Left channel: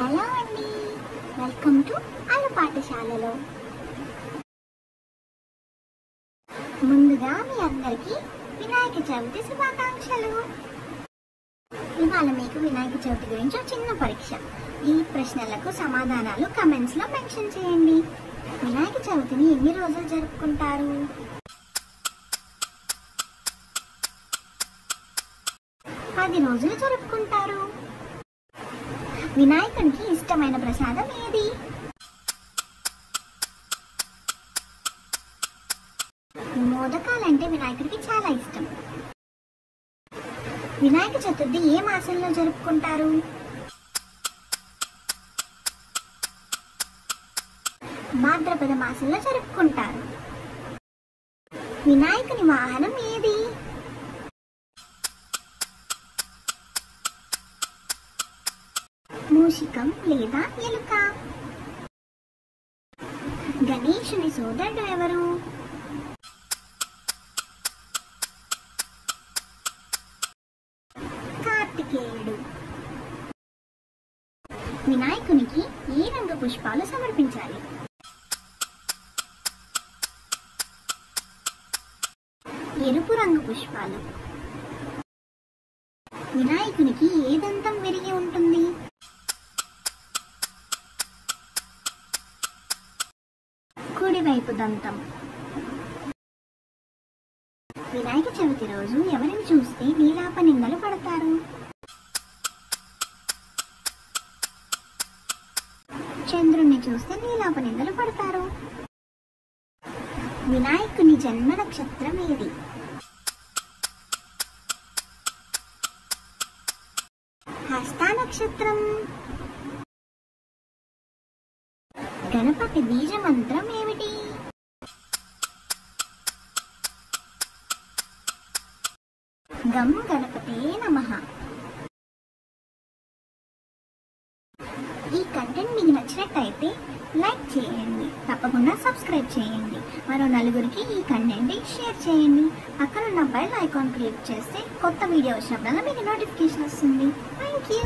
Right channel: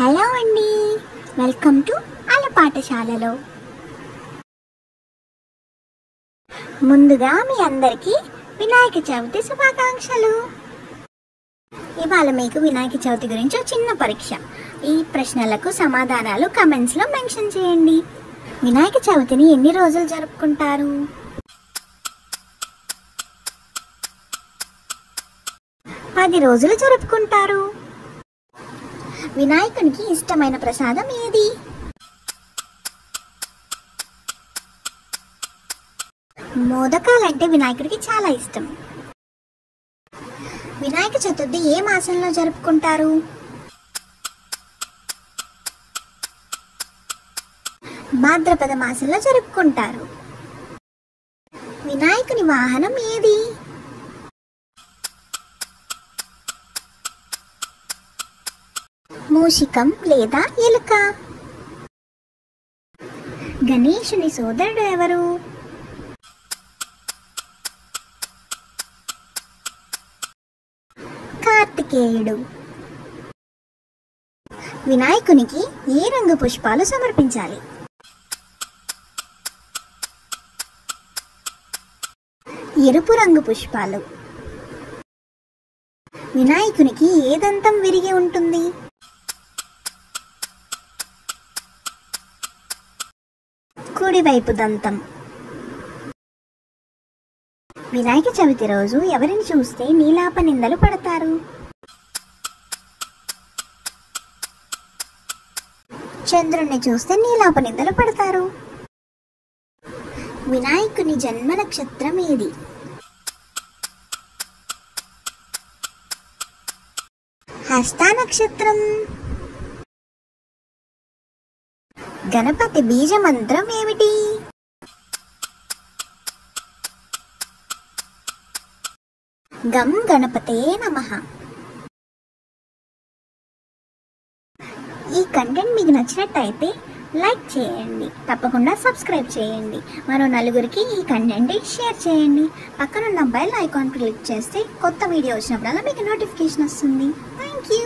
Hello అండి, welcome to అల పాఠశాలలో. ముందుగా మీ అందరికీ వినాయక చవితి శుభాకాంక్షలు. ఇవాళ మీకు వినాయక చవితి గురించి ఒక చిన్న పరీక్ష. ఈ ప్రశ్నలకు సమాధానాలు కమెంట్స్లో మెన్షన్ చేయండి. వినాయక చవితిని ఎన్ని రోజులు జరుపుకుంటారు? 10 రోజులు జరుపుకుంటారు. వినాయకునికి ఇష్టమైన ప్రసాదం ఏది? మోదకాలంటే వినాయకుడికి చాలా ఇష్టం. వినాయక చతుర్థి ఏ మాసంలో జరుపుకుంటారు? భాద్రపద మాసంలో జరుపుకుంటారు. వినాయకుని వాహనం ఏది? మూషికం లేదా ఎలుక? గణేశుని సోదరుడు ఎవరు? కార్తికేయుడు. వినాయకునికి ఏ రంగు పుష్పాలు సమర్పించాలి? ఎరుపు రంగు పుష్పాలు. వినాయకునికి ఏ దంతం విరిగి ఉంటుంది? కుడివైపు దంతం. వినాయక చవితి రోజు ఎవరిని చూస్తే నీలాప నిందలు పడతారు? చంద్రుణ్ణి చూస్తే నీలాప నిందలు పడతారు. వినాయకుని జన్మ నక్షత్రం ఏది? హస్త నక్షత్రం. గణపతి బీజ మంత్రం ఏమిటి? గం గణపతే నమః. ఈ కంటెంట్ మీకు నచ్చినట్టయితే లైక్ చేయండి, తప్పకుండా సబ్స్క్రైబ్ చేయండి, మరో నలుగురికి ఈ కంటెంట్ షేర్ చేయండి. పక్కనున్న బెల్ ఐకాన్ క్లిక్ చేస్తే కొత్త వీడియో వచ్చినప్పుడల్లా మీకు నోటిఫికేషన్ వస్తుంది. Thank you.